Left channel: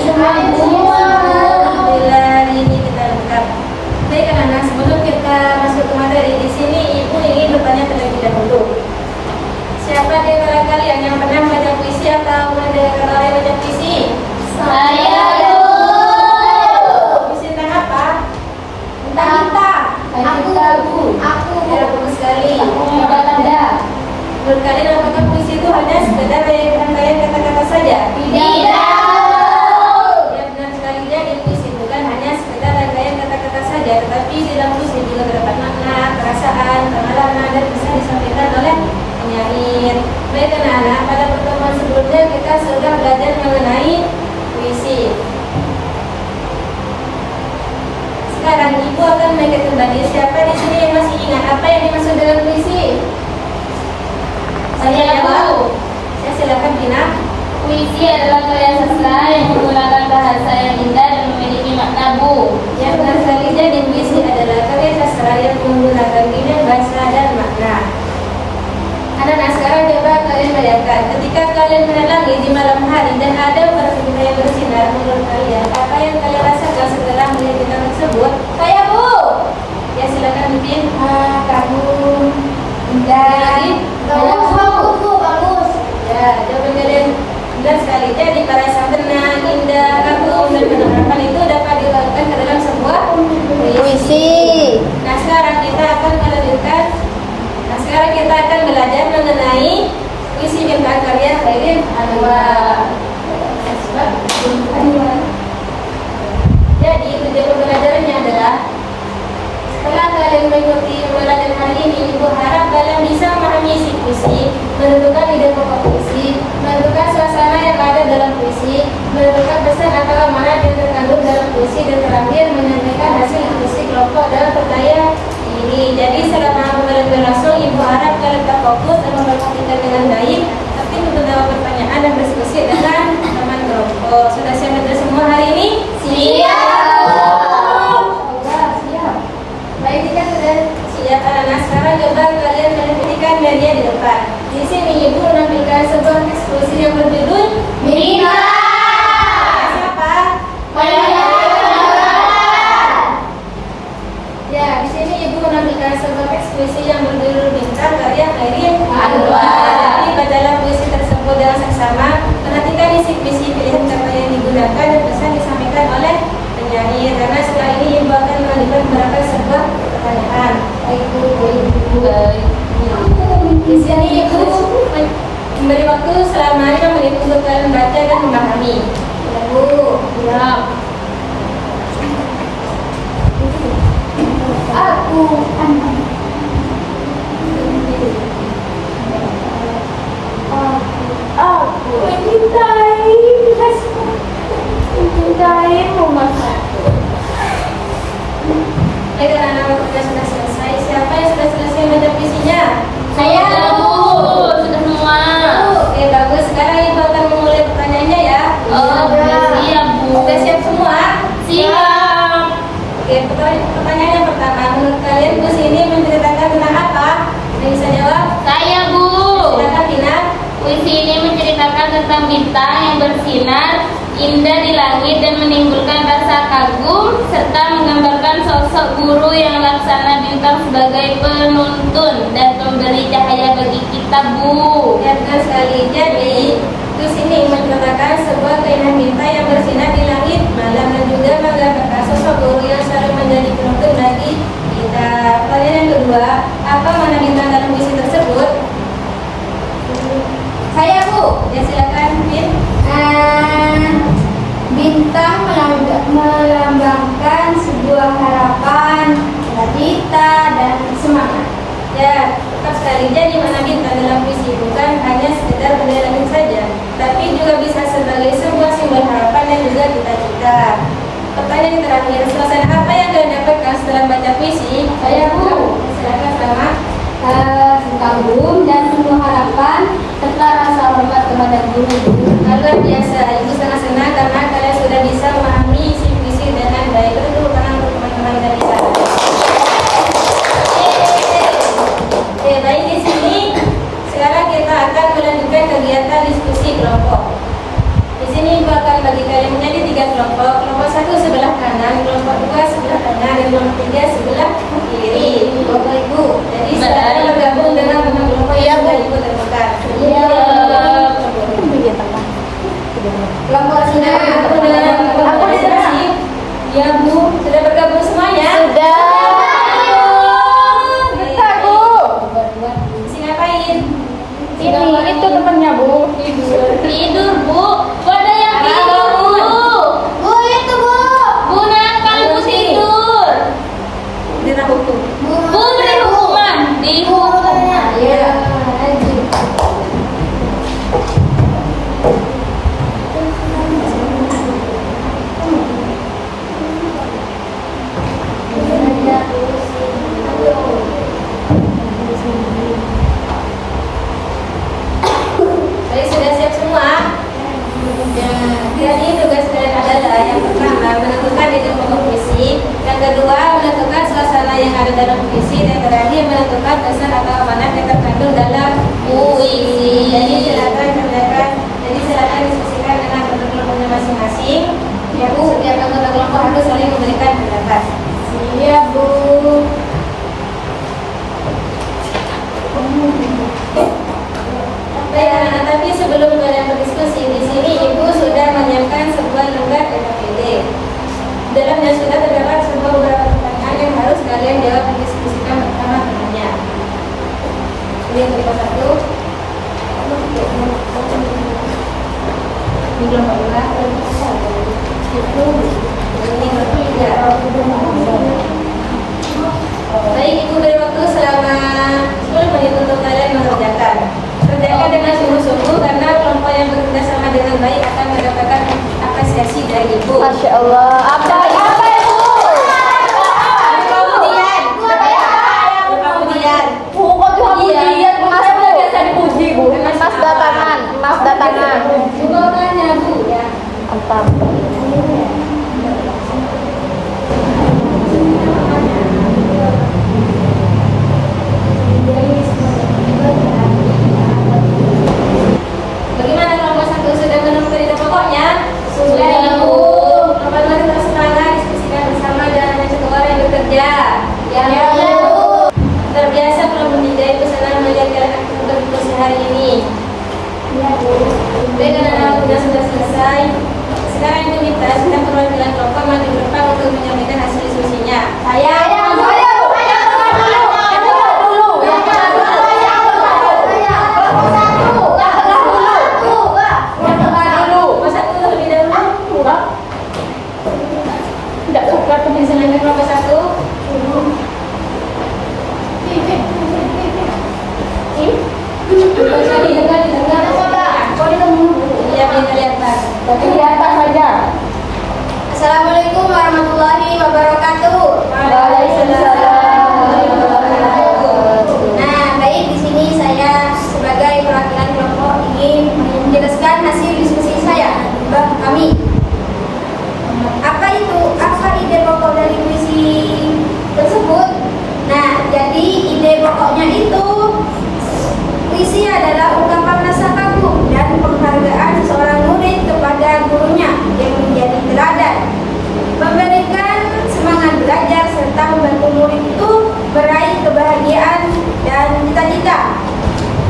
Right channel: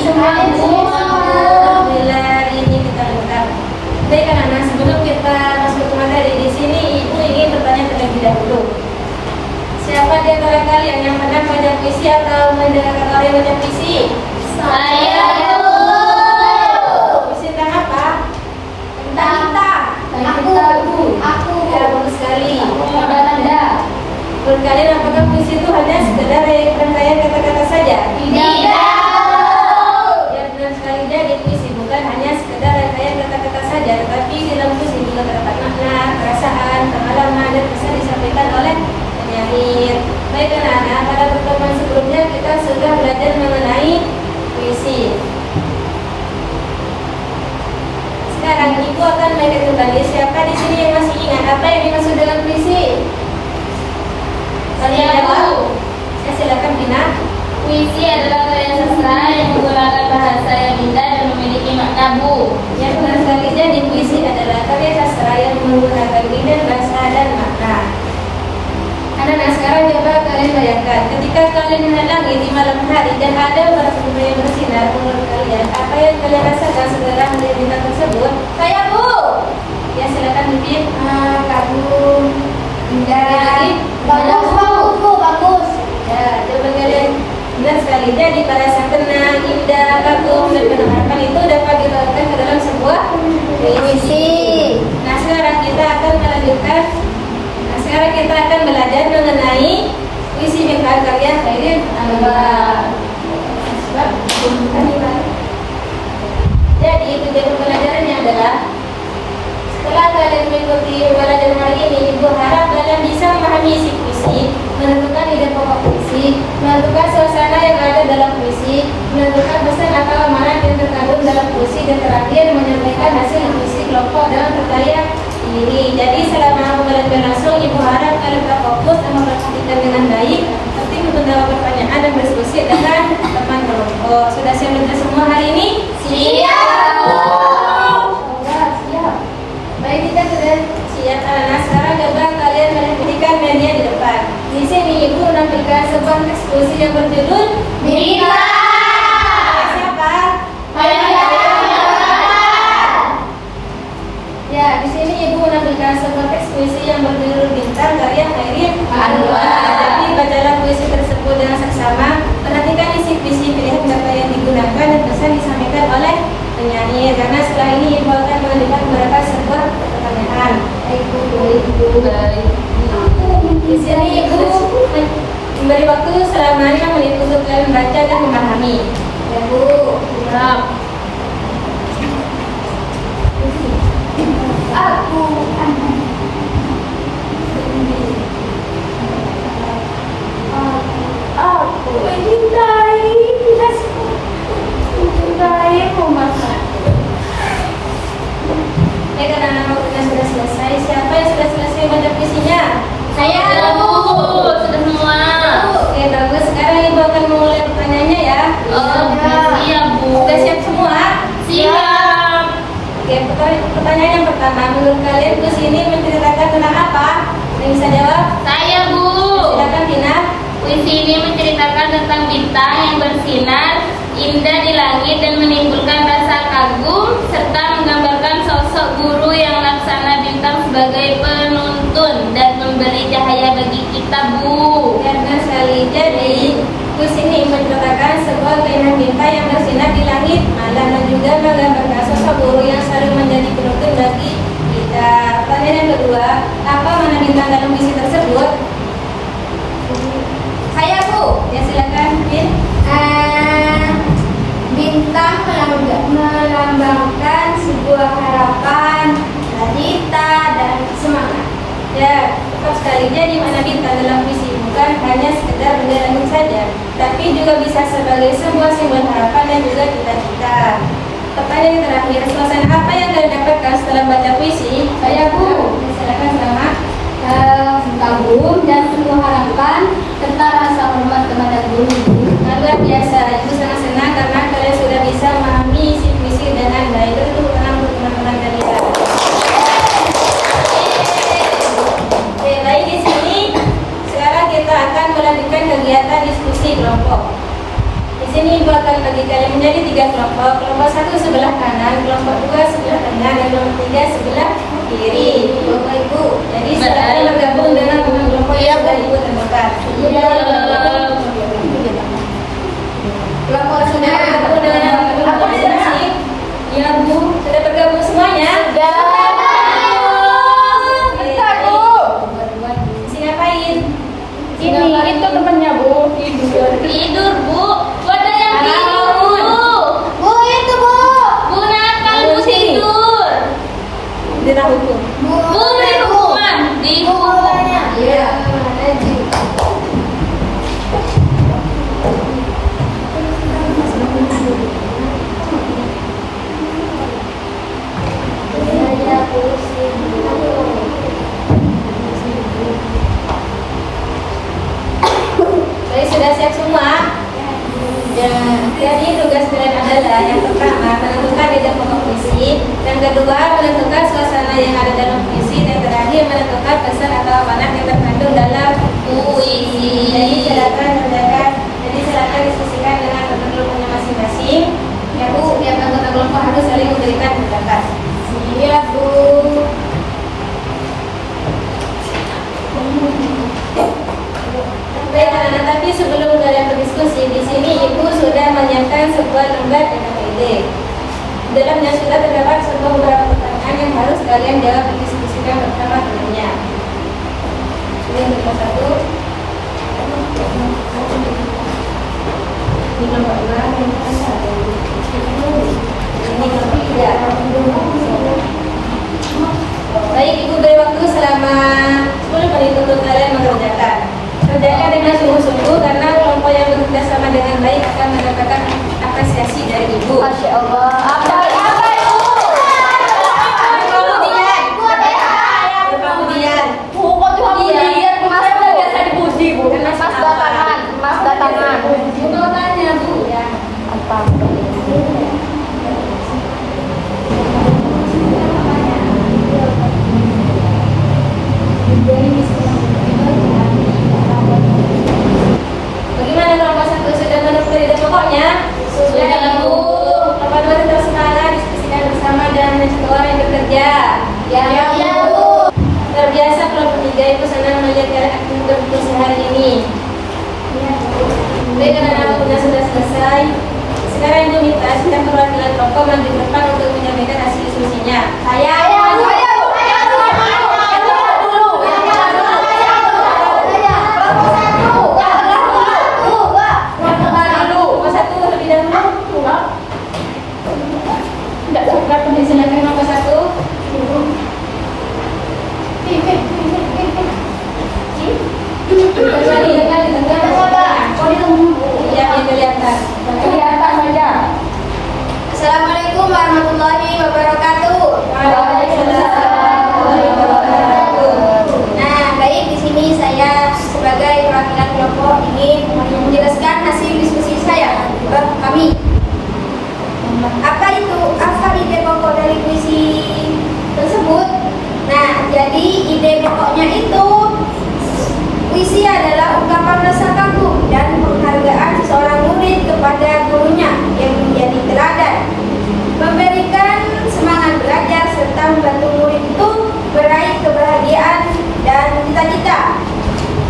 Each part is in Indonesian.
semua Bu. Alhamdulillah hari ini kita lengkap. Baik anak-anak, sebelum kita masuk ke materi di sini, Ibu ingin bertanya terlebih dahulu. Siapa di antara kalian yang pernah baca puisi atau mendengar kata orang baca puisi? Saya Bu. Puisi tentang apa? Aku. Ya, bagus sekali. Belanda. Menurut kalian apakah puisi itu hanya sekedar rangkaian kata-kata saja? Tidak. Ya, benar sekali. Jadi puisi bukan hanya sekedar rangkaian kata-kata saja, tetapi di dalam puisi juga terdapat makna, perasaan, pengalaman, dan pesan disampaikan oleh penyair. Baik anak-anak, pada pertemuan sebelumnya kita sudah belajar mengenai puisi. Sekarang Ibu akan mengingat kembali. Siapa di sini yang masih ingat apa yang dimaksud dengan puisi? Saya jawab. Saya silakan Pina. Puisi adalah karya sastra yang menggunakan bahasa yang indah dan memiliki makna Bu. Yang benar sekali, jadi puisi adalah karya sastra yang menggunakan ide, bahasa, dan makna. Anak-anak, sekarang coba kalian bayangkan, ketika kalian melihat langit di malam hari dan ada bintang yang bersinar, menurut kalian apa yang kalian rasakan setelah melihat bintang tersebut? Kayak Bu. Ya silakan Bibit. Kagum. Indah. Lagi. Bagus. Ya, jawaban kalian benar sekali. Jadi perasaan tenang, indah, kagum, dan penerapan itu dapat dilakukan ke dalam sebuah puisi. Nah sekarang kita akan melanjutkan. Sekarang kita akan belajar mengenai puisi bintang karya Khairin Anwar. Jadi tujuan pembelajarannya adalah setelah kalian mengikuti pembelajaran hari ini, Ibu harap kalian bisa memahami isi puisi, menentukan ide pokok puisi, menentukan suasana yang ada dalam puisi, menentukan pesan atau amanat yang terkandung dalam puisi, dan terakhir menyampaikan hasil puisi kelompok dalam percaya ini. Jadi selama pembelajaran berlangsung, Ibu harap kalian tetap fokus dan memperhatikan dengan baik, tapi untuk menjawab pertanyaan dan berdiskusi dengan teman kelompok. Sudah siap belajar semua hari ini? Siap. Baik, kita sudah siap anak-anak. Sekarang coba kalian perhatikan media di depan. Di sini Ibu menampilkan sebuah ekspresi yang berjudul Bintang. Siapa? Ya, di sini Ibu menampilkan sebuah teks puisi yang berjudul Bintang karya Khairin Anwar. Jadi bacalah puisi tersebut dengan seksama. Perhatikan isi puisi, pilihan kata yang digunakan, dan pesan disampaikan oleh penyair. Karena setelah ini Ibu akan menunjukkan beberapa sebuah pertanyaan. Di sini Ibu memberi waktu selama 5 menit untuk kalian membaca dan memahami. Ibu, Aku mencintaimu mama. ya kan anak-anak sudah selesai. Siapa yang sudah selesai baca puisinya? Saya Bu. Sudah semua. Oke, bagus. Sekarang Ibu akan memulai pertanyaannya ya. Siap Bu. Sudah siap semua? Siap. Oke, pertanyaan yang pertama, menurut kalian puisi ini menceritakan tentang apa? Ada yang bisa jawab? Saya Bu. Silakan Tina. Puisi ini menceritakan tentang bintang yang bersinar indah di langit dan menimbulkan rasa kagum, serta menggambarkan sosok guru yang laksana bintang sebagai penuntun dan pemberi cahaya bagi kita Bu. Ya, benar sekali. Jadi puisi ini menceritakan sebuah keindahan bintang yang bersinar di langit malam, dan juga menggambarkan sosok guru yang selalu menjadi penuntun bagi kita. Pertanyaan yang kedua, apa makna bintang dalam puisi tersebut? Saya Bu. Ya silakan Bin. Bintang melambangkan sebuah harapan, cita dan semangat. Ya, tepat sekali. Jadi makna bintang dalam puisi bukan hanya sekedar benda langit saja, tapi juga bisa sebagai sebuah simbol harapan dan juga cita-cita. Pertanyaan yang terakhir, suasana apa yang kalian dapatkan setelah baca puisi? Saya Bu. Ya, silakan sama. Kagum dan penuh harapan serta rasa hormat kepada guru. Luar biasa, Ibu sangat senang karena kalian sudah bisa memahami isi puisi dengan baik. Beri tepuk tangan untuk teman-teman kalian. Oke, baik, di sini sekarang kita akan melanjutkan kegiatan diskusi kelompok. Di sini Ibu akan bagi kalian menjadi 3 kelompok. Kelompok 1 sebelah kanan, kelompok 2 sebelah tengah, dan kelompok 3 sebelah kiri. Bapak Ibu, jadi silakan bergabung dengan kelompok yang sudah Ibu tentukan. Kelompok sudah bergabung dengan kelompok masing-masing. Ya Bu, sudah bergabung semuanya? Sudah. Isi ngapain? Ini itu temannya Bu. Tidur Bu. Kok ada yang tidur Bu? Bu itu Bu. Bu nakal Bu tidur. Dina hukum. Bu beri hukuman. Dihukum. Iya. Baik, sudah siap semua? Jadi tugas kalian adalah yang pertama menentukan ide pokok puisi, yang kedua menentukan suasana yang ada dalam puisi, dan terakhir menentukan pesan atau amanat yang terkandung dalam puisi. Jadi silakan diskusikan dengan kelompoknya masing-masing. Ya Bu, setiap anggota kelompok harus saling memberikan pendapat. Siap Bu. Baik anak-anak, tapi sebelum kalian berdiskusi, di sini Ibu sudah menyiapkan sebuah lembar PKPD. Dalamnya sudah terdapat beberapa pertanyaan yang harus kalian jawab dan diskusikan bersama temannya. Ini nomor 1. Ini nomor 2. Ini nomor 3. Baik, Ibu beri waktu selama 10 menit untuk kalian mengerjakan. Kerjakan dengan sungguh-sungguh karena kelompok yang bekerja sama dengan baik akan mendapatkan apresiasi dari Ibu. Masya Allah. Bagaimana kelompok 1 sudah menemukan ide pokoknya? Sudah Bu. Kelompok 2 tetap semangat, diskusikan bersama dan hanya satu orang yang bekerja. Ya Bu. Terbiasa kelompok 3 Ibu senang melihat kalian aktif berdiskusi hari ini. Baik anak-anak, sudah selesai. Sekarang Ibu minta setiap perwakilan kelompok maju ke depan untuk menyampaikan hasil diskusinya. Silakan nomor 1. Iya, biar kelihatan. Assalamualaikum warahmatullahi wabarakatuh. Waalaikumsalam warahmatullahi wabarakatuh. Nah, baik, di sini saya sebagai perwakilan kelompok ingin menjelaskan hasil diskusi saya bab kami. Apa ide pokok dari puisi tersebut? Nah, jadi ide pokoknya itu puisi adalah ungkapan rasa kagum dan penghargaan seseorang murid kepada gurunya yang menjadi teladan, memberikan semangat belajar serta membantu murid itu meraih kebahagiaan dan cita-cita.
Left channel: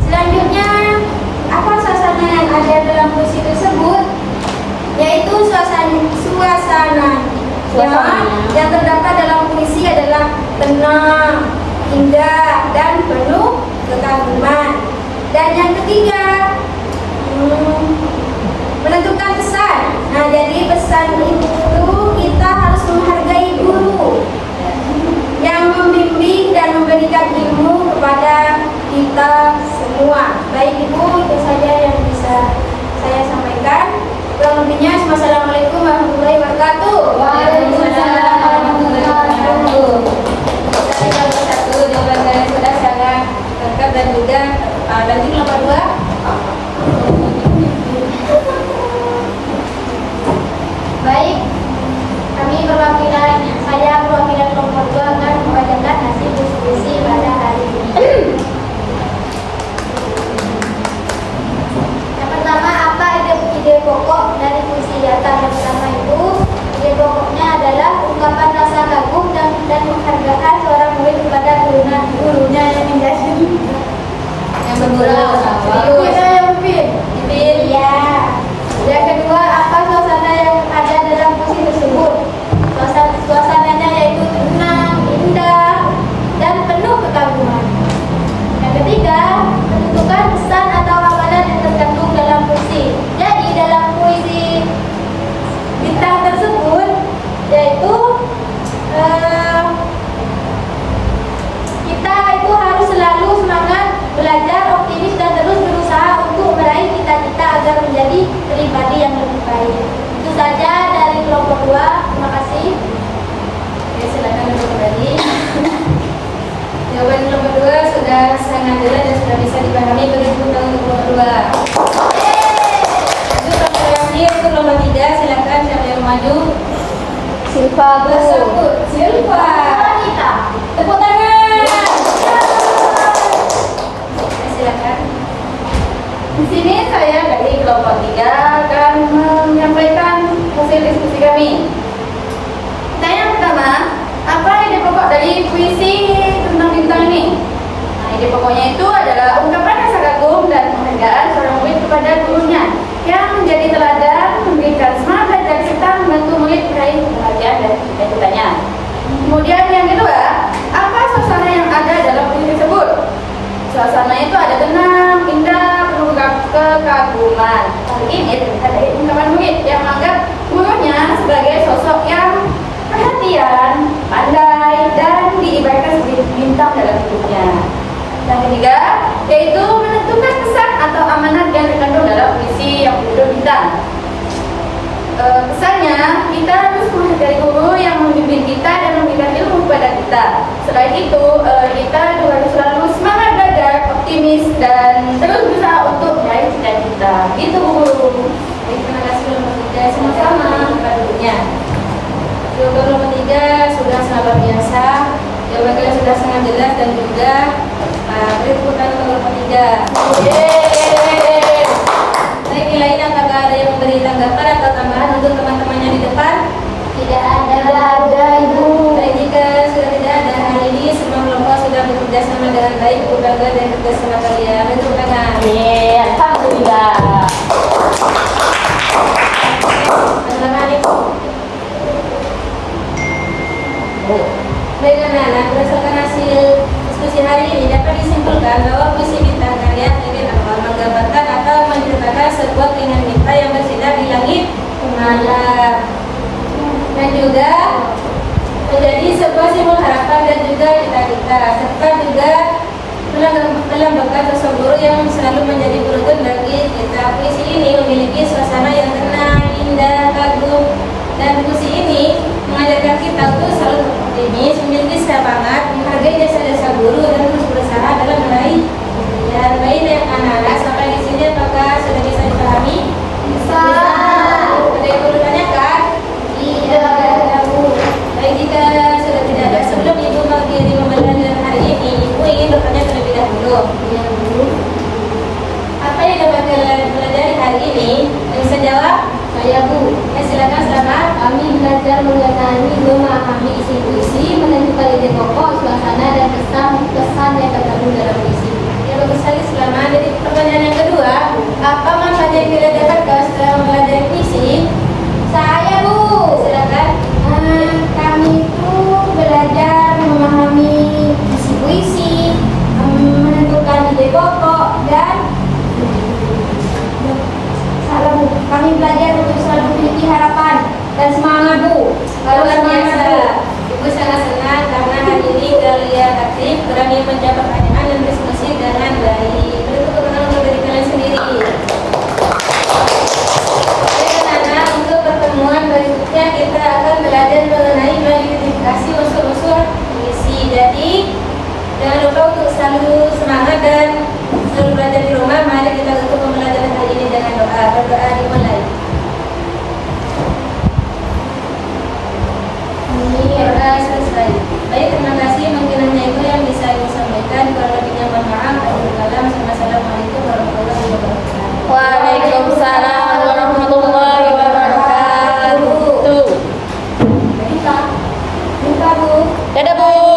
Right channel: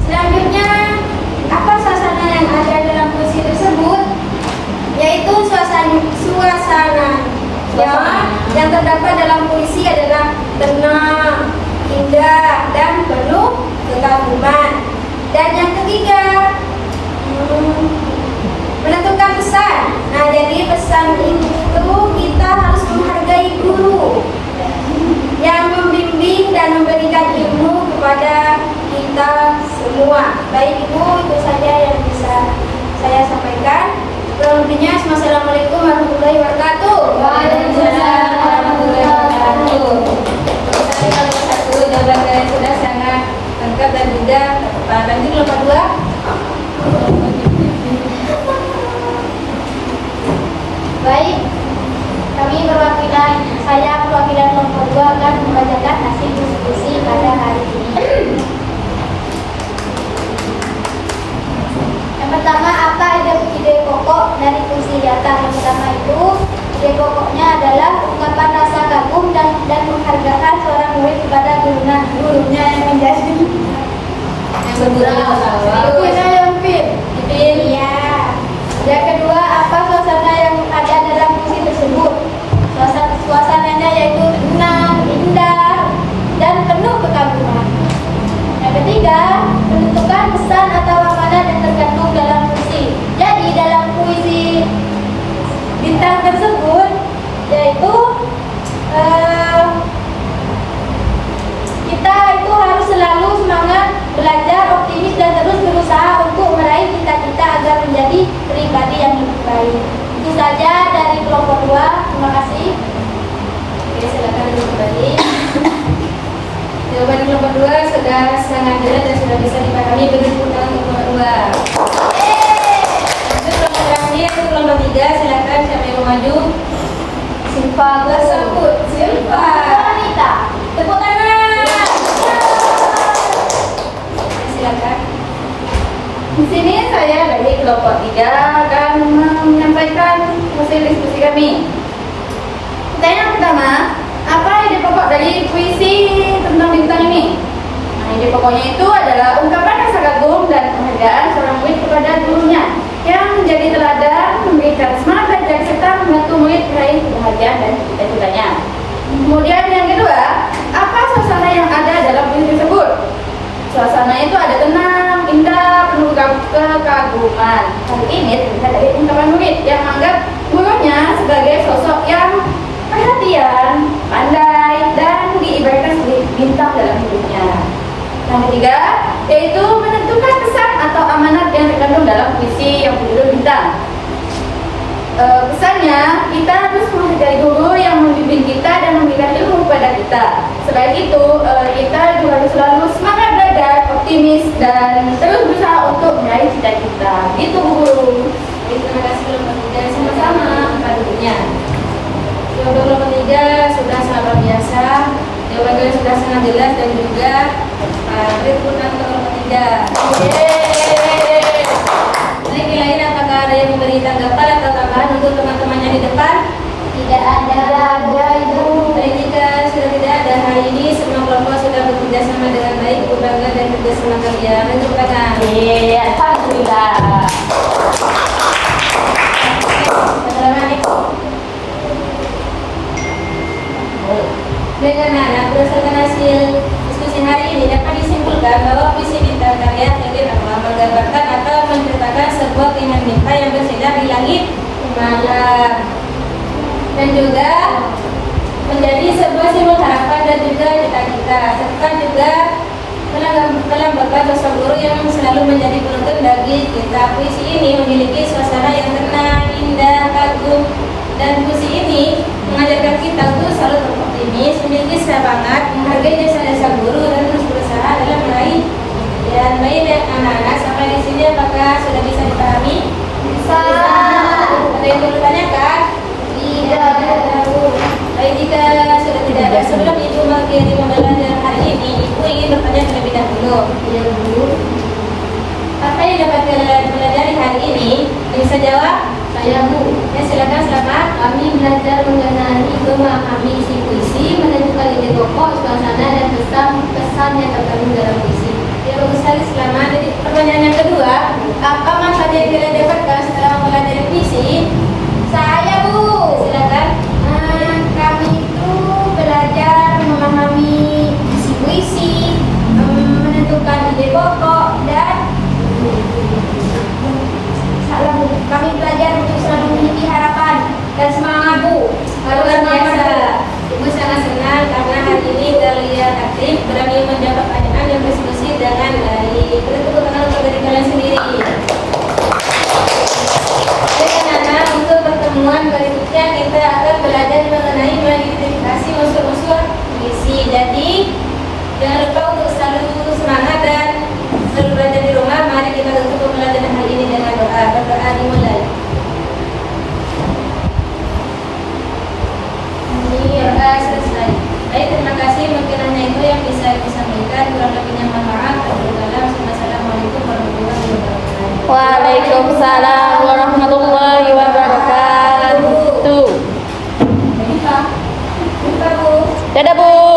Selanjutnya, apa suasana yang ada dalam puisi tersebut? Yaitu suasana yang terdapat dalam puisi adalah tenang, indah, dan penuh kekaguman. Dan yang ketiga, menentukan pesan. Nah, jadi pesan itu kita harus menghargai guru yang membimbing dan memberikan ilmu kepada kita semua. Baik Ibu, itu saja yang bisa saya sampaikan. Kurang lebihnya, Assalamualaikum warahmatullahi wabarakatuh. Waalaikumsalam warahmatullahi wabarakatuh. Tapi nomor 1 jawaban kalian sudah sangat lengkap dan juga tepat. Lanjut nomor 2. Baik, saya perwakilan kelompok 2 akan membacakan hasil diskusi pada hari ini. Yang pertama, apa ide ide pokok dari puisi Yata yang pertama itu, ide pokoknya adalah ungkapan rasa kagum dan penghargaan seorang murid kepada gurunya yang menjadi Yang bergurau. kita yang fit. Ipin. Iya. Yang kedua, apa suasana yang ada dalam puisi tersebut? Suasananya yaitu tenang, indah, dan penuh kekaguman. Yang ketiga, menentukan pesan atau amalan yang terkandung dalam puisi. Jadi dalam puisi bintang tersebut yaitu kita itu harus selalu semangat belajar, optimis dan terus berusaha untuk meraih cita-cita agar menjadi pribadi yang lebih baik. Itu saja dari kelompok 2. Terima kasih. Oke, silakan duduk kembali. Jawaban kelompok 2 sudah sangat jelas dan sudah bisa dipahami. Beri tepuk tangan untuk kelompok 2. Lanjut kelompok terakhir itu kelompok 3. Silakan siapa yang mau maju? Silva tersebut. Silva. Wanita. Tepuk tangan. Silakan. Di sini saya dari kelompok 3 akan menyampaikan hasil diskusi kami. Pertanyaan yang pertama, apa ide pokok dari puisi tentang bintang ini? Nah, ide pokoknya itu adalah ungkapan rasa kagum dan penghargaan seorang murid kepada gurunya yang menjadi teladan, memberikan semangat belajar serta membantu murid meraih kebahagiaan dan cita-citanya. Kemudian yang kedua, apa suasana yang ada dalam puisi tersebut? Suasana itu ada tenang, indah, penuh kekaguman. Hal ini terlihat dari ungkapan murid yang menganggap gurunya sebagai sosok yang perhatian, pandai, dan diibaratkan sebagai bintang dalam hidupnya. Yang ketiga, yaitu menentukan pesan atau amanat yang terkandung dalam puisi yang berjudul bintang. Pesannya, kita harus menghargai guru yang membimbing kita dan memberikan ilmu kepada kita. Selain itu, kita juga harus selalu semangat belajar, optimis, dan terus berusaha untuk meraih cita-cita. Gitu, guru. Terima kasih kelompok 3. Sama-sama pada duduknya. Kelompok 3 sudah sangat luar biasa. Jawaban kalian sudah sangat jelas dan juga beri tepuk tangan untuk kelompok 3. Baik, lain apakah ada yang memberi tanggapan atau tambahan untuk teman-temannya di depan? Tidak ada ibu. Baik, jika sudah tidak ada hari ini, semua kelompok sudah bekerja sama dengan baik, berbangga dan kerja sama kalian. Untuk tangan. Alhamdulillah. Selamat ya. Baik anak-anak, berdasarkan hasil diskusi hari ini dapat disimpulkan bahwa puisi bintang karya Khairil Anwar menggambarkan atau menceritakan sebuah keinginan mimpi yang bersinar di langit malam dan juga menjadi sebuah simbol harapan dan juga cita-cita, serta juga melambangkan sosok guru yang selalu menjadi penuntun bagi kita. Puisi ini memiliki suasana yang tenang, indah, kagum, dan puisi ini mengajarkan kita untuk selalu optimis, memiliki semangat, menghargai jasa-jasa guru dan terus berusaha dalam meraih. Dan baik anak-anak, sampai di sini apakah sudah bisa dipahami? Bisa. Ada yang perlu tanyakan? Tidak. Baik, jika sudah tidak ada, sebelum ibu mengakhiri pembelajaran hari ini, ibu ingin bertanya terlebih dahulu. Iya, Bu. Apa yang dapat kalian pelajari hari ini? Yang bisa jawab? Saya, Bu. Ya, silakan selamat. Kami belajar mengenai memahami isi puisi, menentukan ide pokok, suasana, dan pesan yang terkandung dalam puisi. Ya, bagus sekali, selamat. Jadi pertanyaan yang kedua, apa manfaat yang kalian dapatkan setelah mempelajari puisi? Saya, Bu. Silakan. Kami itu belajar memahami isi puisi, menentukan ide pokok, dan kami belajar untuk selalu memiliki harapan dan semangat, Bu. Luar biasa. Ibu sangat senang karena hari ini kalian aktif, berani menjawab pertanyaan dan berdiskusi dengan baik. Beri tepuk tangan untuk diri kalian sendiri. Baik anak-anak, untuk pertemuan berikutnya kita akan belajar mengenai mengidentifikasi unsur-unsur puisi. Jadi jangan lupa untuk selalu semangat dan selalu belajar di rumah. Mari kita tutup pembelajaran hari ini dengan doa. Berdoa dimulai. Doa selesai. Baik, terima kasih. Mungkin hanya itu yang bisa ibu sampaikan. Kurang lebihnya mohon maaf. Assalamualaikum warahmatullahi wabarakatuh. Waalaikumsalam warahmatullahi Dadah Bu.